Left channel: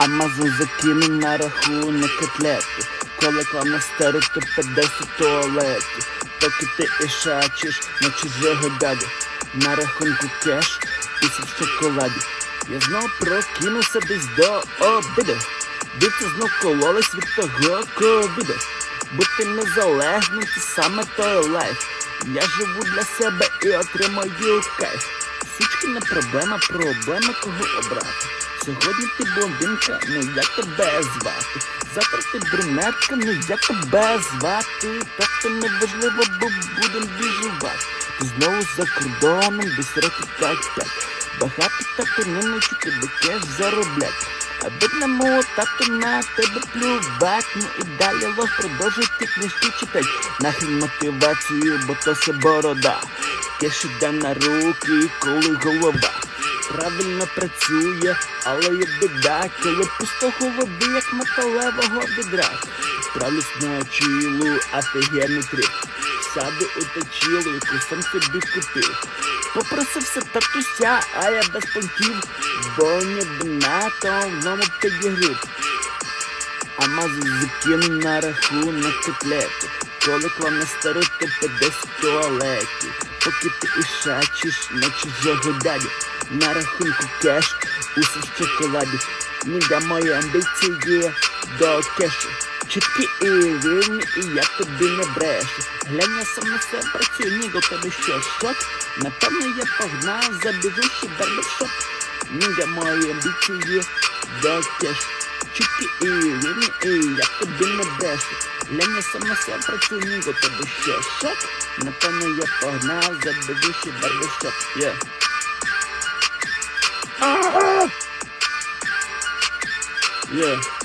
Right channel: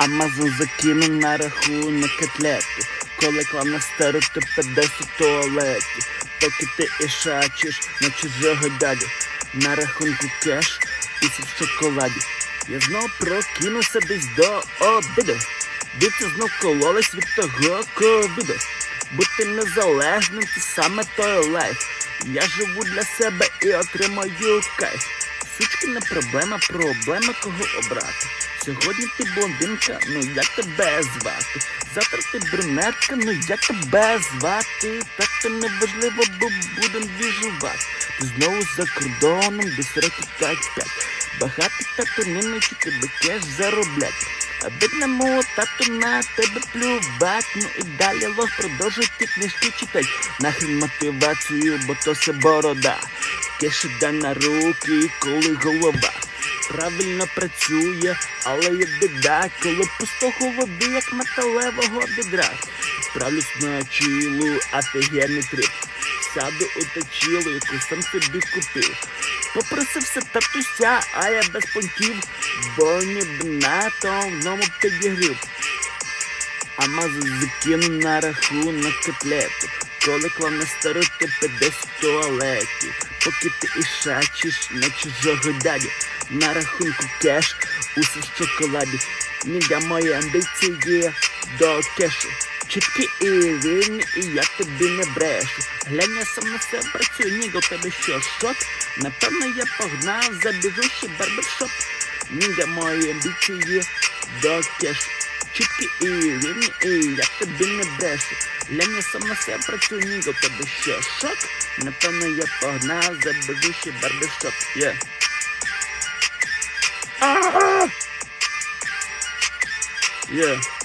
Амазон закинув на рахунок котлету. Коли клав на стару, то підеш у туалеті. Поки ти ішачиш на чужого дядю. На рахунку кеш, усе в шоколаді. Я знов прокинувся десь до обіду. Діти знов кололись від того ковіду. Бути незалежним це саме той лайф. Я живу для себе і отримаю кайф. Сучкина проблема, проблема кого обрати. Сьогодні ти блондинка, ну як тебе звати? Завтра ти брюнетка, ну як тебе звати? Так то неважливо, бо будем біжувати. Ти знову за кордоном, десь років 5-5. Багатий тато не навчить тебе кеш зароблять. А бідному тату на тебе плювать, ну і далі лох продовжуй ті книжки читать. Нахрен мотивацію, бо то все борода. Кеш іде на руки, коли голова. Правильно працює, але є біда, коли пусто голови, як металевого відра. Справлюсь на чілу, офігенний трип. Сяду у точилу, яку сам собі купив. Попросився татуся, а я без понтів, бо ні на тому підігрів. А мазу закинув на рахунок котлету. Коли клав на стару, то підеш в туалеті. Поки ти ішачиш на чужого дядю. На рахунку кеш, усе в шоколаді. Ніга мої амбіції до кешу. Чіткі і рівні, і я тобі не брешу. Глянь, я сам на себе працюю, ніга у тебе що, шок? Напевно, я погнав за біжущий барбершоп. Ніга мої амбіції до кешу. Чіткі і рівні, і я тобі не брешу. Глянь, сама себе працюю, ніга у тебе що, шок? Напевно, я погнав за біжущий барбершоп. Yeah. Yeah.